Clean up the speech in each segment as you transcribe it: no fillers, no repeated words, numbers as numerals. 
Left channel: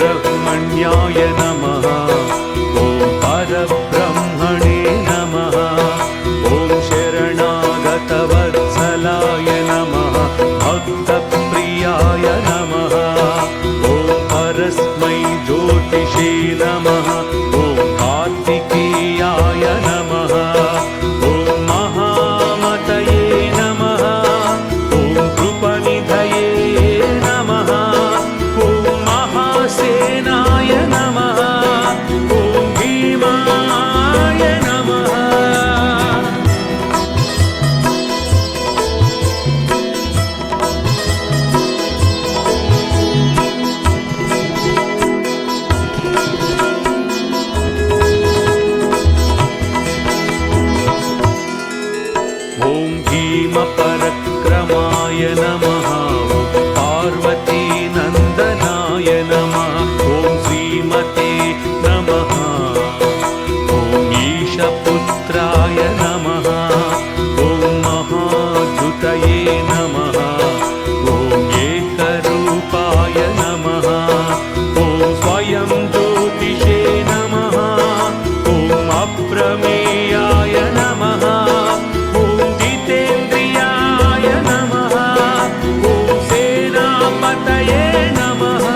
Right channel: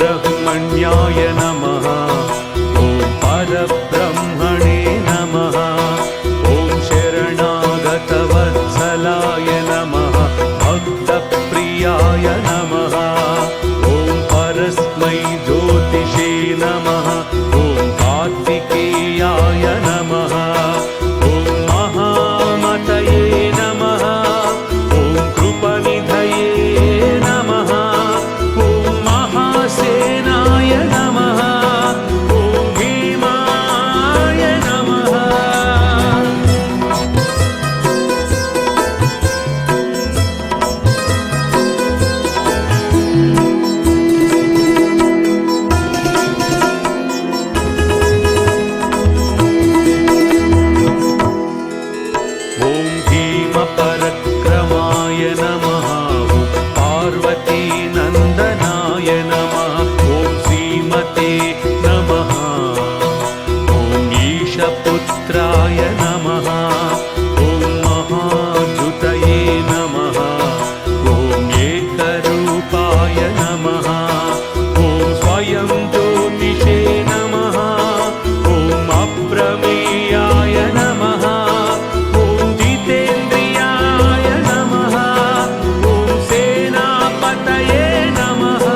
सुब्रह्मण्याय नमः। ॐ परब्रह्मणे नमः। ॐ शरणागतवत्सलाय नमः। भक्तप्रियाय नमः। ॐ परस्मै ज्योतिषे नमः। ॐ कार्तिकेयाय नमः। ॐ महामतये नमः। ॐ कृपनिधये नमः। ॐ महासेनाय नमः। ॐ भीमाय नमः। ॐ भीमपरक्रमाय नमः। ॐ पार्वतीनन्दनाय नमः। ॐ श्रीमते नमः। ॐ ईशपुत्राय नमः। ॐ महाद्युतये नमः। ॐ एकरूपाय नमः। ॐ स्वयं ज्योतिषे नमः। ॐ अप्रमेयाय नमः। ॐ जितेन्द्रियाय नमः। ॐ सेनापतये नमः।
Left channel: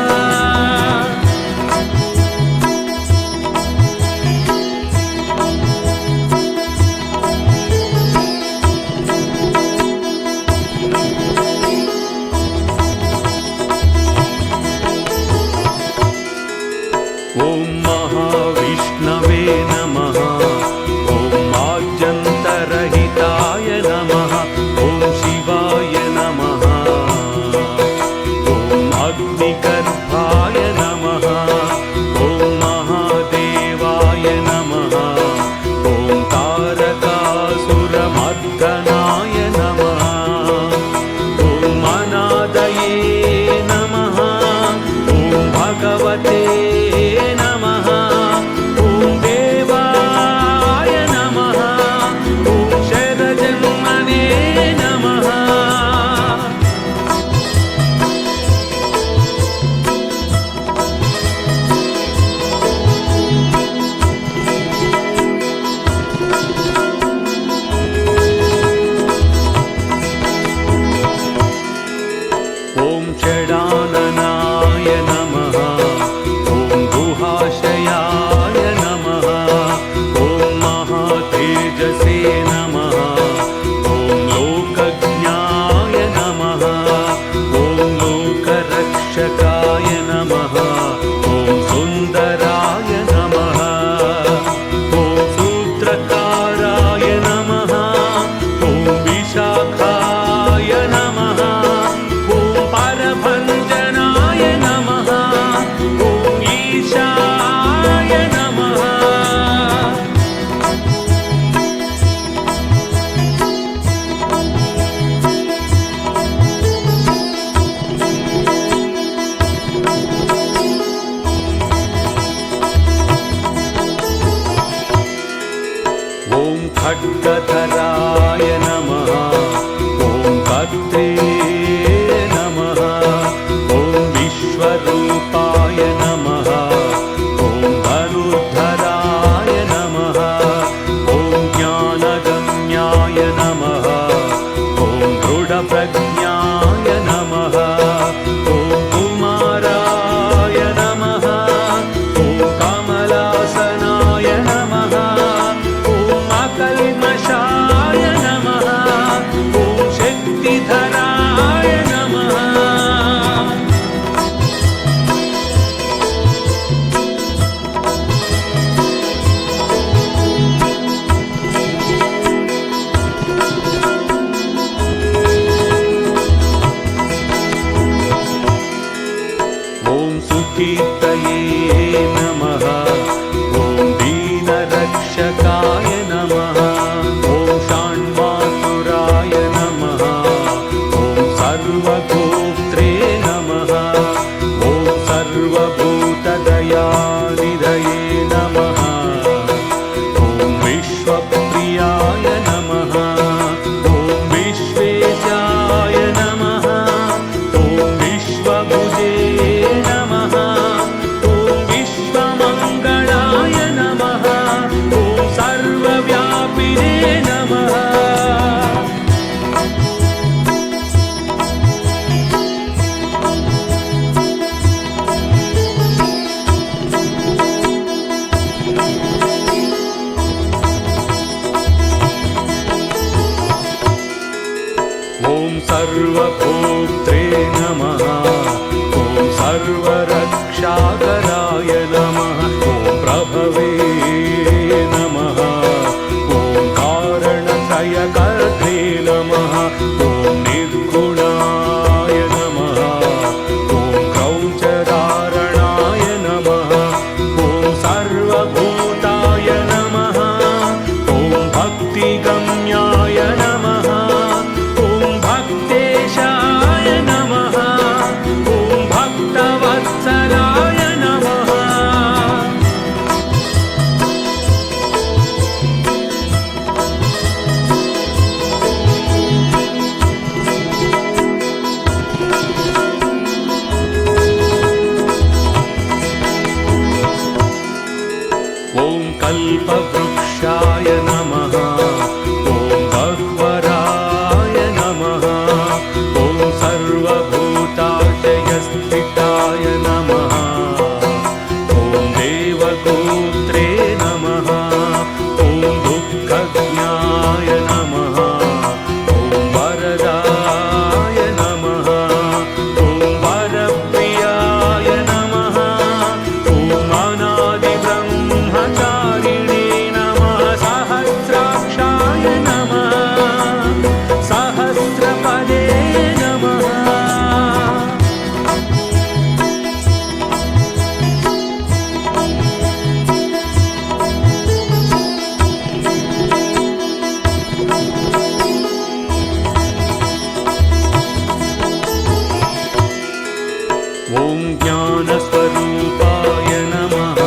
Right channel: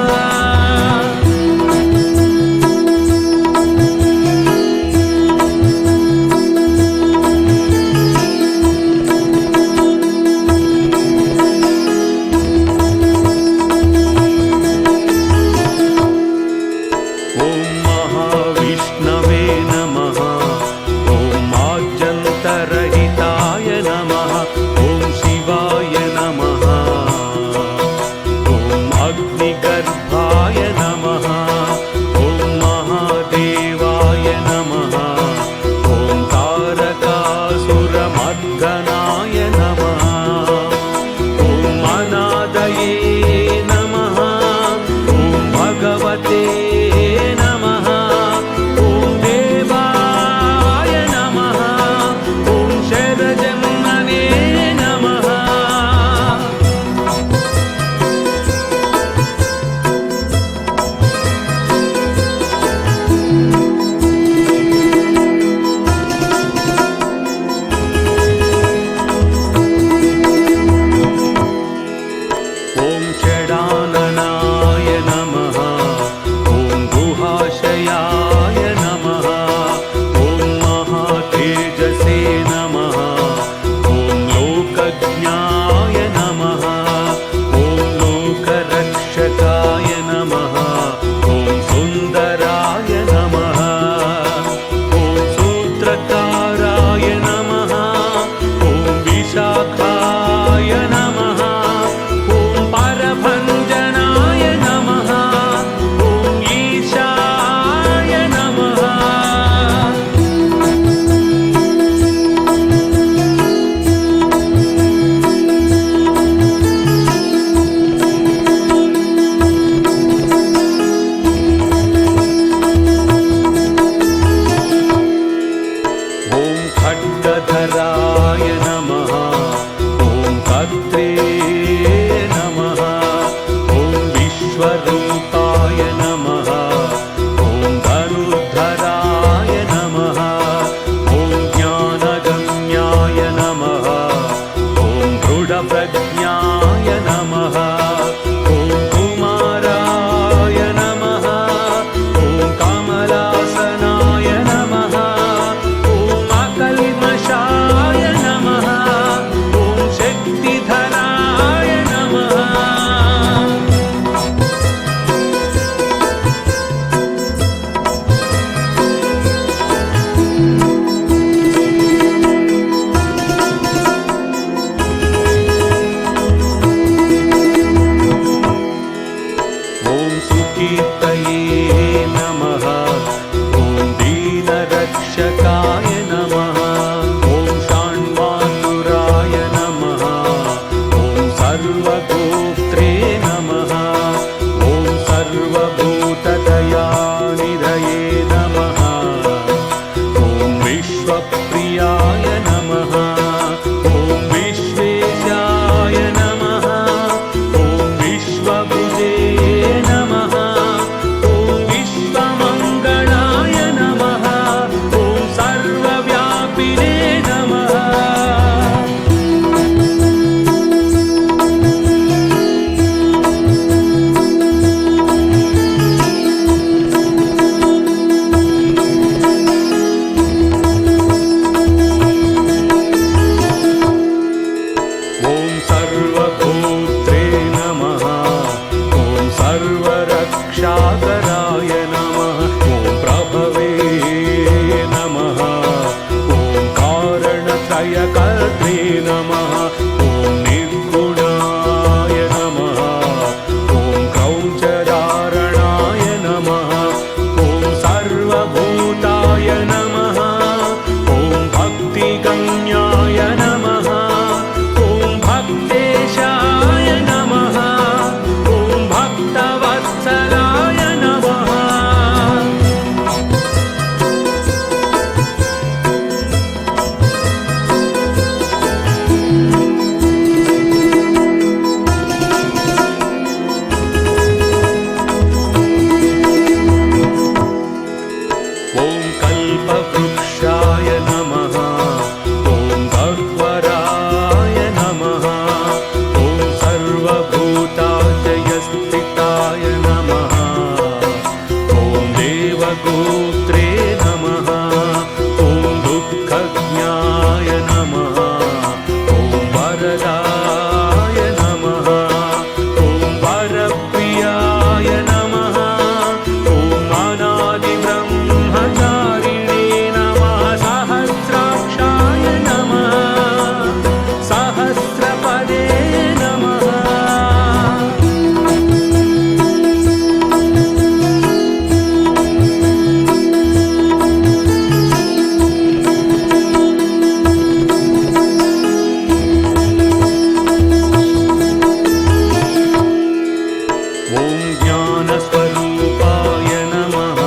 ॐ महाविष्णवे नमः। ॐ आद्यन्तरहिताय नमः। ॐ शिवाय नमः। ॐ अग्निगर्भाय नमः। ॐ महादेवाय नमः। ॐ तारकासुरमर्दनाय नमः। ॐ अनादये नमः। ॐ भगवते नमः। ॐ देवाय नमः। ॐ शरजन्मने नमः। ॐ षडाननाय नमः। ॐ गुहाशयाय नमः। ॐ महातेजसे नमः। ॐ लोकज्ञाय नमः। ॐ लोकरक्षकाय नमः। ॐ सुन्दराय नमः। ॐ सूत्रकाराय नमः। ॐ विशाखाय नमः। ॐ परभञ्जनाय नमः। ॐ ईशाय नमः। ॐ खड्गधराय नमः। ॐ कर्त्रे नमः। ॐ विश्वरूपाय नमः। ॐ धनुर्धराय नमः। ॐ ज्ञानगम्याय नमः। ॐ दृढप्रज्ञाय नमः। ॐ कुमाराय नमः। ॐ कमलासनाय नमः। ॐ अकल्मषाय नमः। ॐ शक्तिधराय नमः। ॐ सुकीर्तये नमः। ॐ दीनरक्षकाय नमः। ॐ षण्मातुराय नमः। ॐ सर्वगोत्रे नमः। ॐ सर्वभूतदयानिधये नमः। ॐ विश्वप्रियाय नमः। ॐ विश्वेशाय नमः। ॐ विश्वभुजे नमः। ॐ क्षीरसागराय नमः ॐ प्रभवे नमः ॐ कारणत्रयकर्त्रे नमः ॐ निर्गुणाय नमः ॐ क्रौञ्चधारणाय नमः ॐ सर्वभूताय नमः ॐ भक्तिगम्याय नमः ॐ भक्तेशाय नमः ॐ भक्तवत्सलाय नमः ॐ कल्पवृक्षाय नमः ॐ गह्वराय नमः ॐ सर्वभूताशयस्थिताय नमः ॐ देवगोत्रे नमः ॐ दुःखज्ञाय नमः ॐ वरदाय नमः ॐ वरप्रियाय नमः ॐ अनादिब्रह्मचारिणे नमः सहस्राक्षाय नमः सहस्रपदे नमः ॐ ज्ञानस्वरूपाय नमः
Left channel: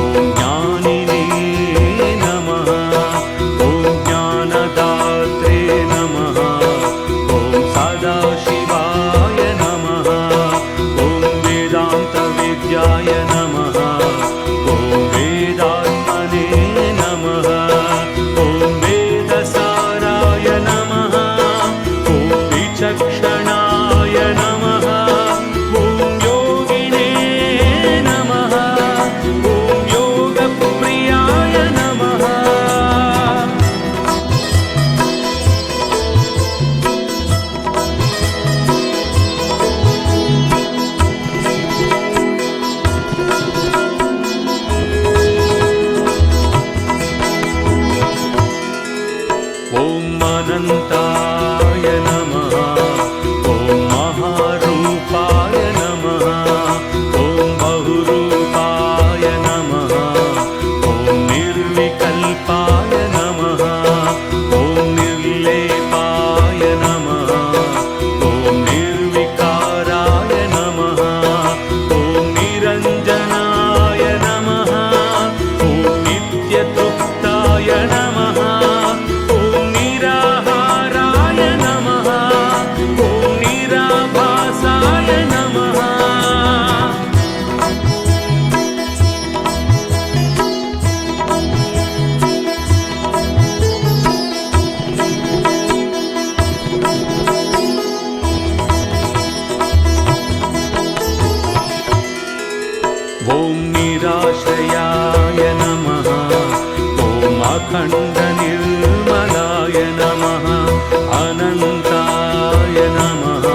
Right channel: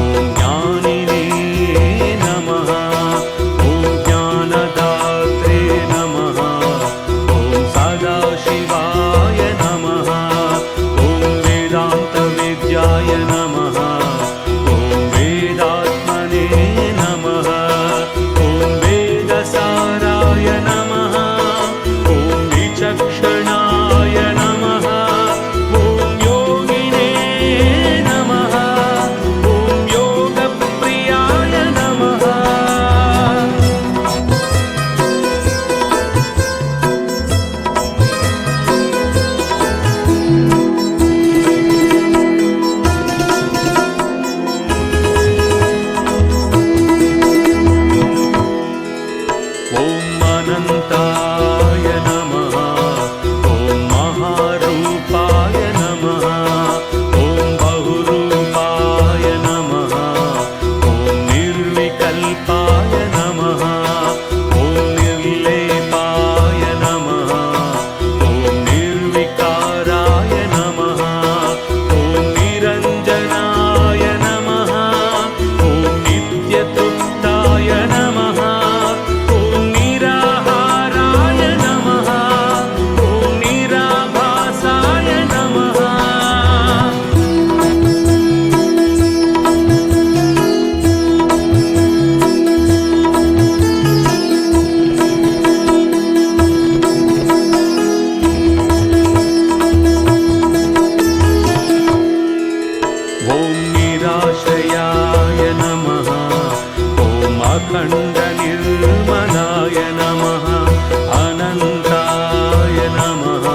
ॐ ज्ञानिने नमः ॐ ज्ञानदात्रे नमः ॐ सदाशिवाय नमः ॐ वेदान्तविद्याय नमः ॐ वेदात्मने नमः ॐ वेदसाराय नमः ॐ विचक्षणाय नमः ॐ योगिने नमः ॐ योगप्रियाय नमः ॐ अनन्ताय नमः ॐ महारूपाय नमः ॐ बहुरूपाय नमः ॐ निर्विकल्पाय नमः ॐ निर्लेपाय नमः ॐ निर्विकाराय नमः ॐ निरञ्जनाय नमः ॐ नित्यतृप्ताय नमः ॐ निराहाराय नमः ॐ निराभासाय नमः ॐ निराश्रयाय नमः ॐ अखण्डनिर्मलाय नमः अनन्ताय नमः